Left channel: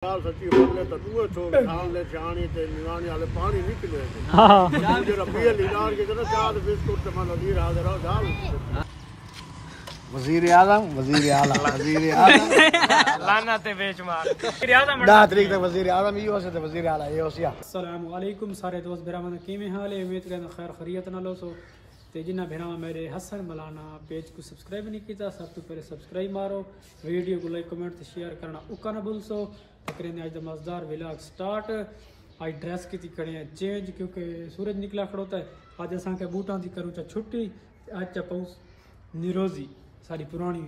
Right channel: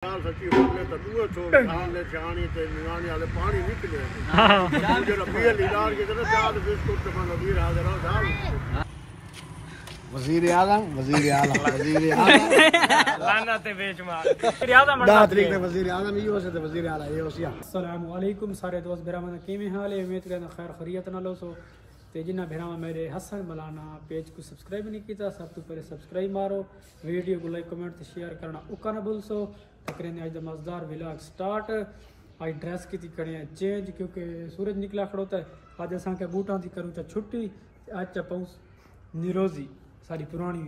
सच्ची बोले तो तू छोड़ सामने जानी ते निवानी वाले पानी निकले हां जरा पीए लीलार के ना चार बिस्कुट तमा नदी हाजिर हो दाल वजीर आजम लाना ते बेच मार वजीर आजम 10 तारीख तक वजीर आजम ही हो से वजीर आला ये होसिया। अस्सलाम वालेकुम सारे दोस्त बिरामन किवें हाल है, उम्मीद करना खैर खैरियत नाल हो। सो ते जिन्ना भरावां मेरे हसन मलाना पेज को सब्सक्राइब नहीं किया, सब तो पहले सब्सक्राइब मारो, वीडियो को लाइक कमेंट ते शेयर करना उका ना भूलसो। तकरीबन आज मज़ेदार व्लॉग स्टार्ट। आज ड्रेस की करें चेंज क्योंकि सूरज निकला खड़ोता है। आज असा के बूटा की करूँ चा छुट्टी, आज चा पाऊँ निरोजी सारी पुरानी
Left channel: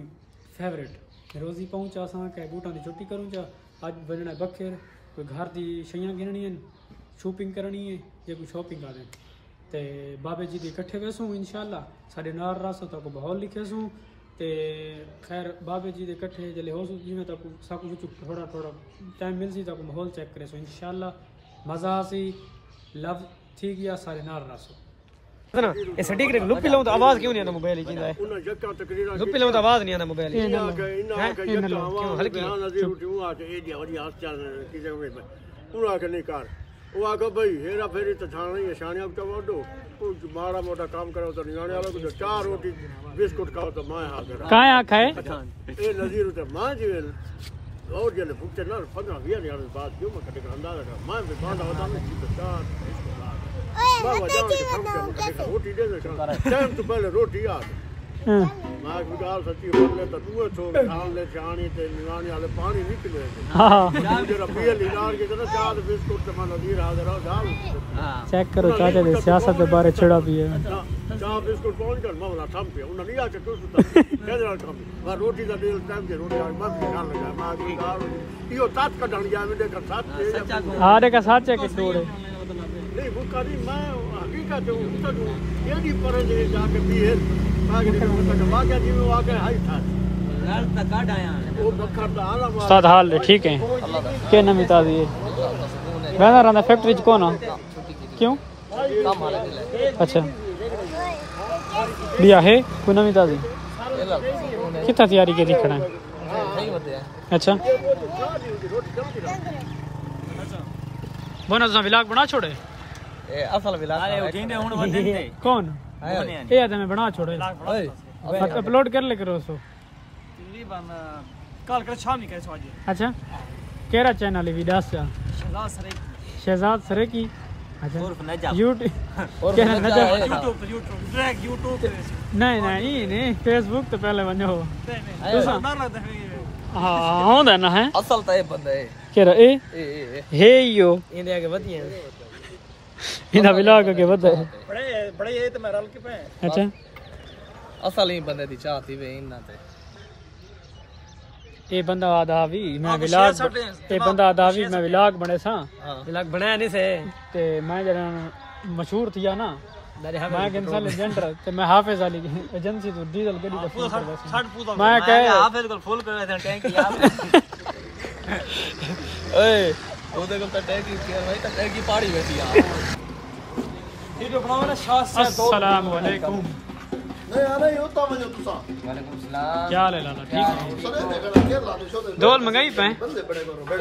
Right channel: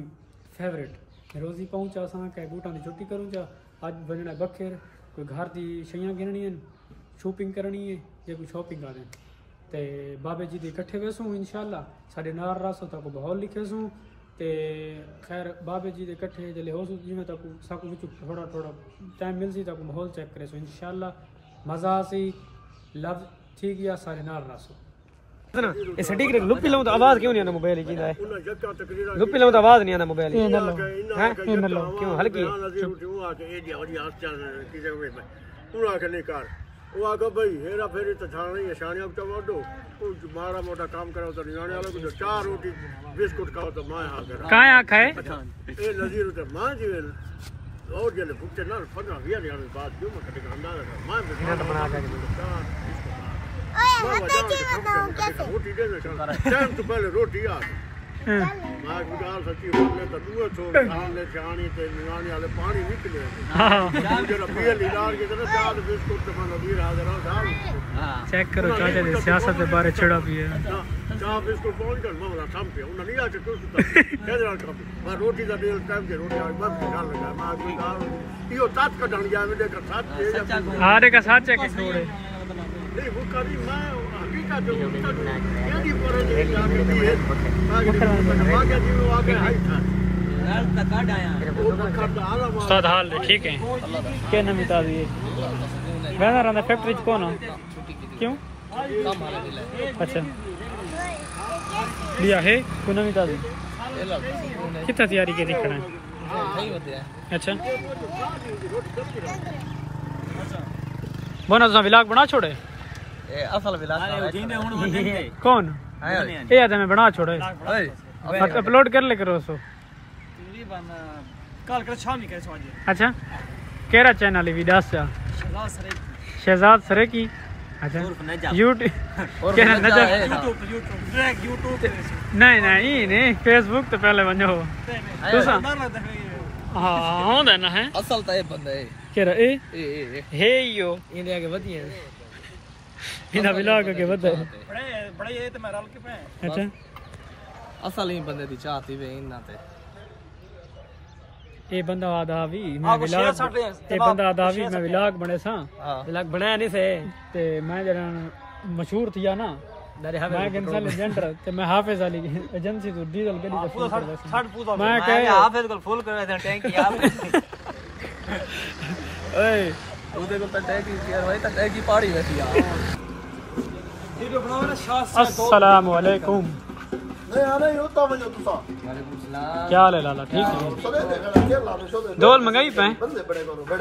फेवरेट निरोजी पाऊँ चा असा के बूटा की छुट्टी करूँ चा। आज बजना बखेर कोई घर की शइयां गिननी शॉपिंग करनी है या कोई शॉपिंग कर दें तो बाबे जी के इकट्ठे वेसूँ इंशाल्लाह साढ़े नार रसो तक माहौल लिखे सूँ ते खैर बाबे जी के इकट्ठे जल्द हो जिमें तक साकू विच थोड़ा थोड़ा टाइम मिल सी तक माहौल चेक करे सो इंशाल्लाह मज़ा सी लव ठीक या सारे नार रसो। ए सटीक रे लुपी लाऊं तो आवाज क्यों नहीं आना मोबाइल जी ना लुपी लाऊं तो आवाज नहीं आना मोबाइल क्यों हल्की वो आगे भाई हेरा फेरी तो छानी है शानिया को वडो मारा मोटा काम करो तो निगाने वाला को चार रोटी बिस्कुट खाओ तो मां आ गया काहे आखा है ए नजीर तो मां जी और जले भूखे ना 15-20 दिन बाद क्यों मैं कटे अंदाजा कर मैं भी खाना बना के मैं वजह से समझ के रोटी दे टाइम तो पहले रोटी आ मां गुजार सच्ची बोले तो तू छोड़ सामने जानी ते निवानी वाले पानी निकले हां जरा पीए लीलार के ना चार बिस्कुट तमा नदी हाजिर हो दाल चेक करो चाचा दे सियासत के बारे छड़ा भी है चार बिस्कुट पहुंच कर मामला थम पे उन नहीं आके तू कहदे काम मैं रोटी दा डेल टाइम के रोटी और बस निकाल लगा मां गुजार यो तात का डाल गया मेरे का साथ हां का साथ चेक छोड़े नहीं वो करी मैं हकीकत जो ये नहीं पर नहीं जाके भी है आगे जी में आगे हाई था लाल का काट आया वो बखर दा आला उस्ताद हाल ठीक है के ने मिटा दिए बना रहा फैक्ट्री कौन क्यों काम हाल अच्छा बिया है कोई ना मिटा दी कितना तैयारी के दिखना है अच्छा बना व्लॉग बना छोड़े असल विलास कौन ये आदमी बना छोड़े अपलोड कर ले करो सो तकरीबन कल कर शाम ही करे आज। अच्छा केरा चैनल है विदास चा शहजाद सरे की अच्छा यूट्यूब केरा नजर यूट्यूब नहीं फेसबुक तो पहले बनो तुसा हां होंदा ना है असल तो ये बंदा है केरा ए हे यो इंडिया के वधिया इना व्लॉग के वध बड़े ये तो मैं रल के पे अच्छा असल ही बंदे दी चाहती वे इना ते ये बंदा आधा भी मैं व्लॉग ये बंदा आधा भी मैं व्लॉग बने सा व्लॉग बनाया नहीं से ते मैं जरा मशहूर थिया ना मैं गंसल एजेंट ते मैं हाफिज अली एजेंसी तो डीजल गड़ी दा फुल कर वैसे मैं कहे हाफिज को फुल कर वैसे टैंक याद ए ओदे को टैंक की यार भाई टैंक की पहाड़ी वैसी यार वीडियो बनाओ ना शाह से अस्सलाम वालेकुम नहीं आ रही होता मैं तुसा वालेकुम सलाम क्या हाल है लाला ठीक है दोल मंगाई पे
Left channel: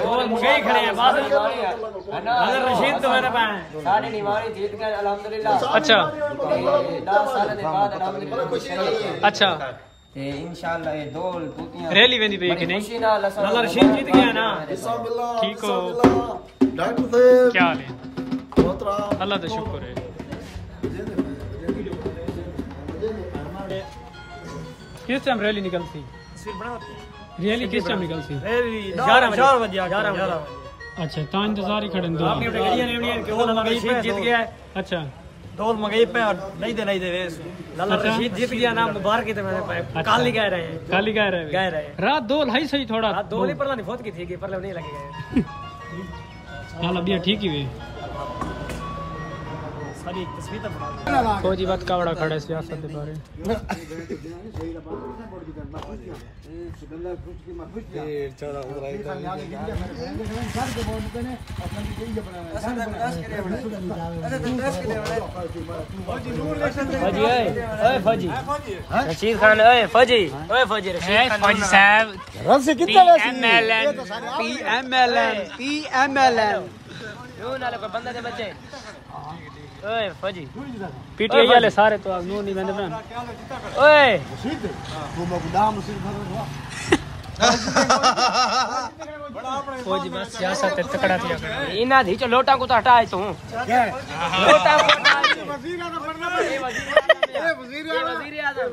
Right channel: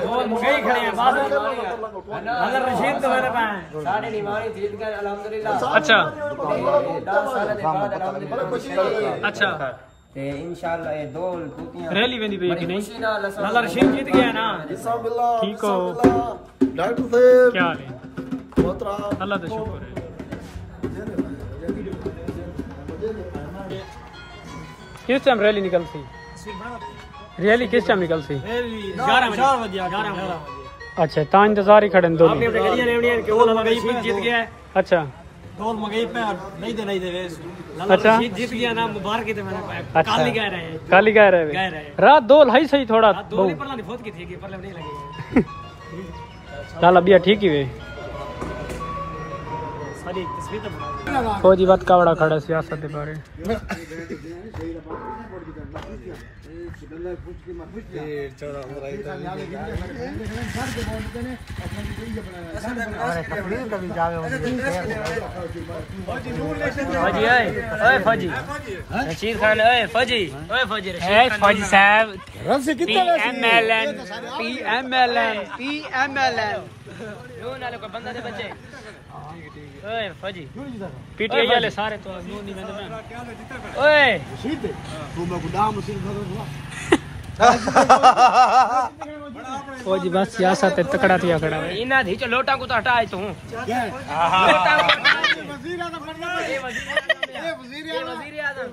और मंगाई खड़े हैं बाद अगर रशीद तो मेरे पे सारे निवारी जीत गए अल्हम्दुलिल्लाह। अच्छा 10 साल के बाद अल्हम्दुलिल्लाह अच्छा ते इंशाल्लाह ये दोल टूटियां रैली वेंदी पे कि नहीं लाला रशीद जीत गया ना ठीक हो डॉक्टर साहब क्या हाल है मोहतरम अल्लाह का शुक्र है। किस टाइम रैली निकलती रैली किस टाइम निकलती 11 बजे अच्छा ता इंतजार ही खड़े दो अपनी गड़ियां ने कि वो रशीद जीत गया है अच्छा दोल मंगाई पे नहीं दे लाला अच्छा। रशीद जीत गया ना मुबारक की तो मेरे पे काल ही कह रहे हैं काली कह रहे रात दो है सही थोड़ा दोल ही पर नहीं बहुत की थी कि पर नहीं लगेगा लाला बिया ठीक ही वे सारी तस्वीर फौजी बात कावड़ा खड़ा है सियासत के बारे रशीद खान फौजी फौजी साहब PMLN बंदा दे बच्चे ओए फौजी PTI वाले सारे तो अब यूं नहीं बंदे बन ओए तू मैं गुदाम सिर्फ फौजी बस सियासत पे तकड़ा थिया खड़ा है इना धी लोटा को तो हटाए तू क्या लोटा वजीर आजम बनना वजीर आजम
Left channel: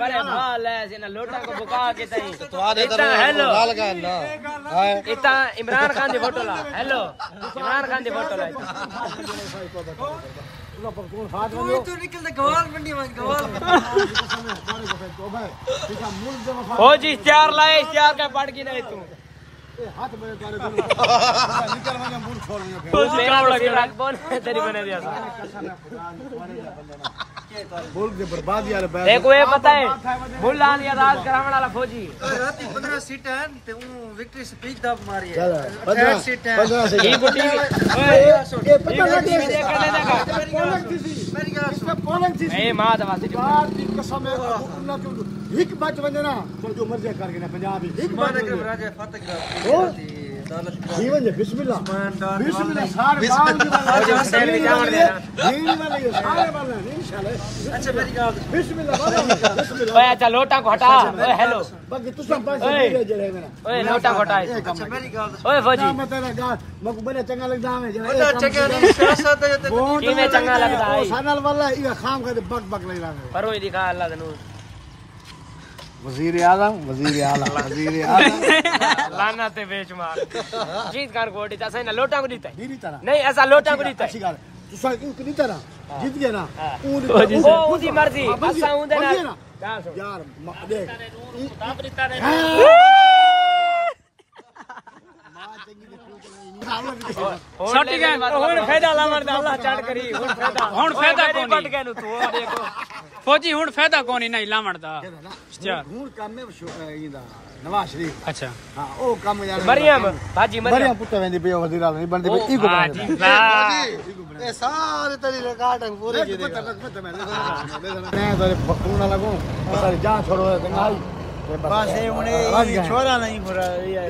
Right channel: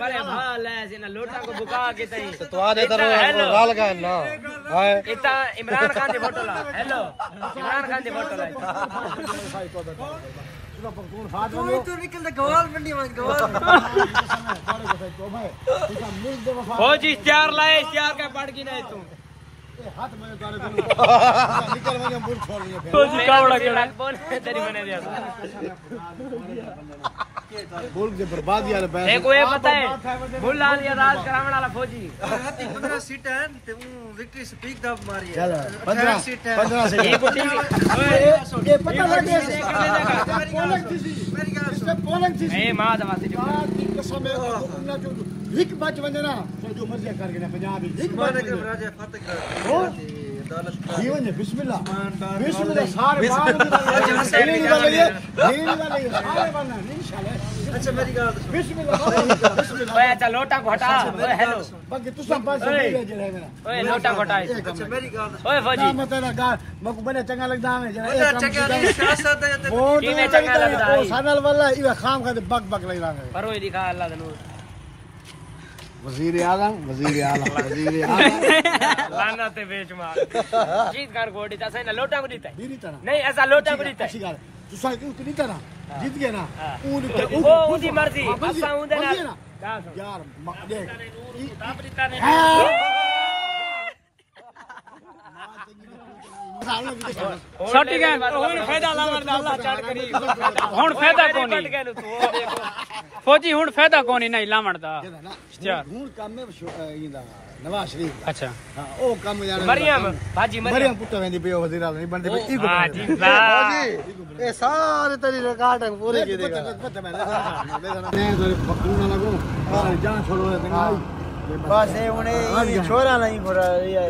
पर हाल है इना लोटा को बुका के तई तो आने करो डाल का ना हाय इतना इमरान खान दी फोटो ला हेलो इमरान खान दी फोटो ला तू निकल दे गवाल मंडी में गवाल फौजी इश्तिहार लाए इश्तिहार का पढ़ के नहीं तू हाथ में तारे निकल मैं बुल छोड़ दूंगा फौजी कावड़ा केड़ा बोल तेरी बने दिया बोल के बर्बादी वाले पैसे एक वे पता है बुला लिया राज करावण वाला फौजी राती 15 सीट है ते ऊ विक्की स्पीक दब मारी है 15 सीट है 15 सीट ये गुटी ए मां दवा से कसम है एक बात वंदे ना जो मर्जी करके ना पंजाब एक बात राजा फातक जीवन है बिस्मिल्लाह बिस्मिल्लाह सारे बाल सारे बनना इंशाल्लाह अच्छा मेरी बात बिस्मिल्लाह ओए अच्छा लोटा को हटा ओए हेलो बाकी तू सब पास ले जे है मेरा ओए लोटा को हटा अच्छा मेरी बात ओए फौजी मैं तेरा गाल मको बने चंगा लगदा है जरा अरे चके सियासत है वोट किने चंगा लगदा है ओ सानल वाला ये खाम का बक बक लगदा है पर ओए दिखा अल्लाह तनु वजीर आजम लाना ते बेचमार जीत कार गोडी ऐसा ना लोटा को दीता दीदी तरह नहीं ऐसा लोटा को दीता अच्छी गाल तू साल की नी तरह जीत गया ना वो उदी मर्जी असा उंदे ना यार देख सटी गए हुन फायदा लावर दे अल्लाह चढ़ करी हुन फायदा कोनी फौजी हुन फायदा कोनी नहीं लावण दा हूं काम में इंदा नवाज शरीफ अच्छा हां ओ काम जाने मरियम भाजी मरियम पुत्र वेंदी पे वजीर आजम नहीं बनदे ई हां जी वाह ए सारे तेरी रिकॉर्ड है पूरे की पता मैं तो बकरू ना लगूं जा छोड़ो चंगाई बस उन्हें छोरा नहीं खोरा ये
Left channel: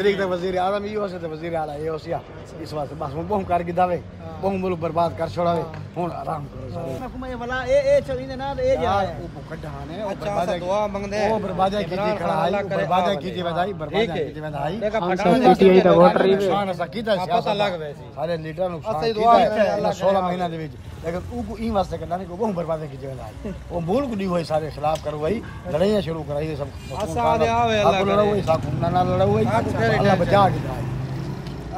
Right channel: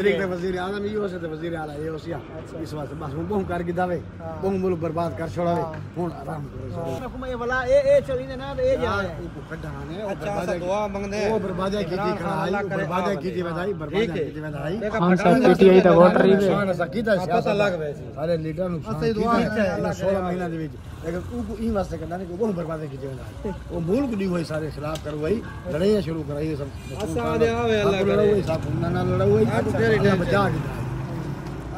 तरीक तक वजीर आजम ही हो सकते वजीर आला ये होसिया इस वास्ते बस हम बहु कर के दावे बहु मुल्क बर्बाद कर छोड़ावे हुन आराम करो मैं वाला ए चली ना ए जा है वो कढाने ओ अच्छा दुआ मांगदे वो बर्बादी कीजिए खड़ाई बर्बादी कीजिए बधाई बर्बादी कीजिए बधाई PTI तो वोटर ही पता लग वे सारे लीडर नुकसान कीता 16 महीना दे विच लेकिन ऊ को ई वास्ते करना नहीं को बहु बर्बादी कीजिए बधाई वो मुल्क दी होई सारे खिलाफ करो भाई लड़ाइयां शुरू कराई सब असाद आवे अल्लाह करे सब ना लड़ो भाई अल्लाह बचा के भाई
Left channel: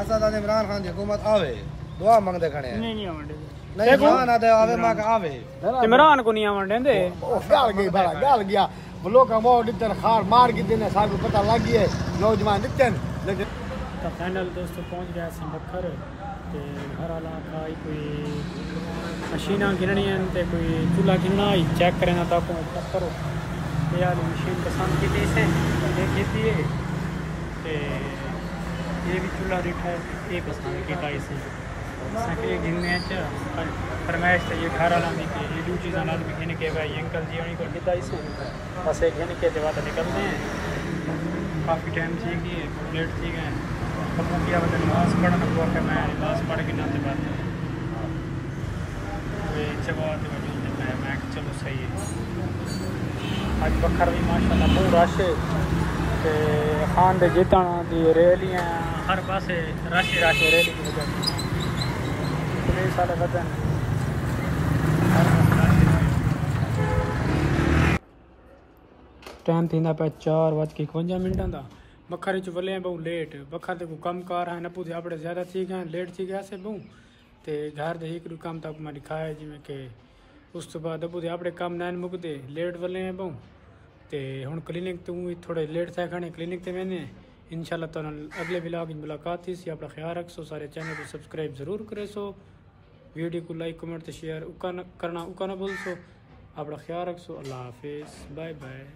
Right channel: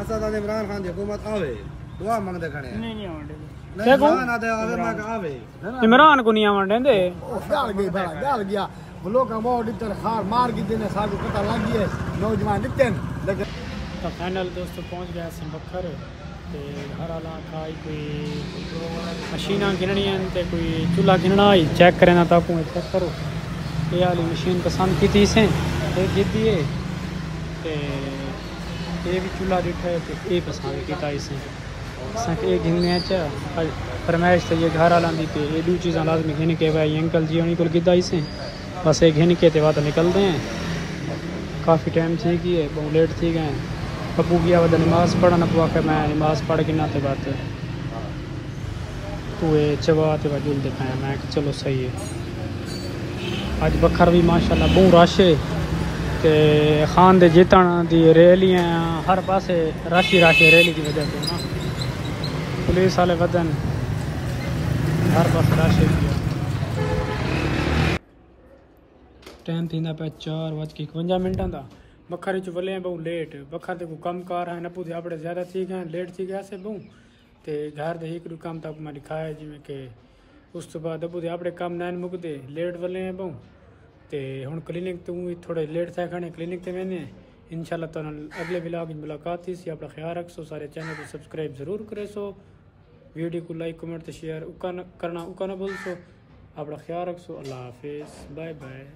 असाद इमरान खान की हुकूमत आवे दुआ मांगदे खड़े नहीं नहीं आवंदे नहीं ना दे आवे मांग आवे इमरान को नहीं आवंदे दे गाल गई बड़ा गाल गया लोग वो दित्तन खार मार के देने साल को पता लग गया नौजवान दित्तन लेकिन तो फाइनल दोस्तों पहुंच गया संबखर ते घर वाला खाई कोई मशीना गिननी ते कोई चूल्हा गिनना ही चेक करना था कोई चेक करो ये वाली मशीन पसंद की थी इसे जीती है ते ये भी चूल्हा देखा है तो ये पसंद किया इसे ये गिनने फरमाइश तो ये घर वाला नहीं थे ये दो चीज़ें लाजमी घिन के भाई अंकल जी उन्हीं को किया इसे बस ये घिन के बाद निकलते हैं काफ़ी टाइम थी गई है बहुत लेट थी गए पप्पू गया वह नमाज पढ़ना हुआ फिर मैं नमाज पढ़ के नाते बात तो ये चबाते वजूल दिखाया मैं कि चलो सही है अज बखर भी माशाल्लाह बहुत रश है कि खान दे जितन दी रैलियां हर पासे रश ही रैली की साल वतन हर पासे रश टाइम थी पे 4:51 का बखर च वले बहु लेट बखर ते को कम कार है नपू थे अपने ज़्यादा थी गए लेट थी गया से बहु ते घर दे एक काम तक मैं दिखाया जिमें कि उस तो बाद अबू थे अपने काम नैन मुकते लेट वले हैं बहु ते हुन क्लिनिक तो थोड़े लेट थे खड़े क्लिनिक ते मैंने इंशाल्लाह तो अगले व्लॉग में मुलाकात थी सी अपना ख्याल रख सो सारे चैनल को सब्सक्राइब ज़रूर करे सो वीडियो को लाइक कमेंट शेयर करना उका ना भूल सो अपना ख्याल रख सो अल्लाह हाफिज़ बाय बाय।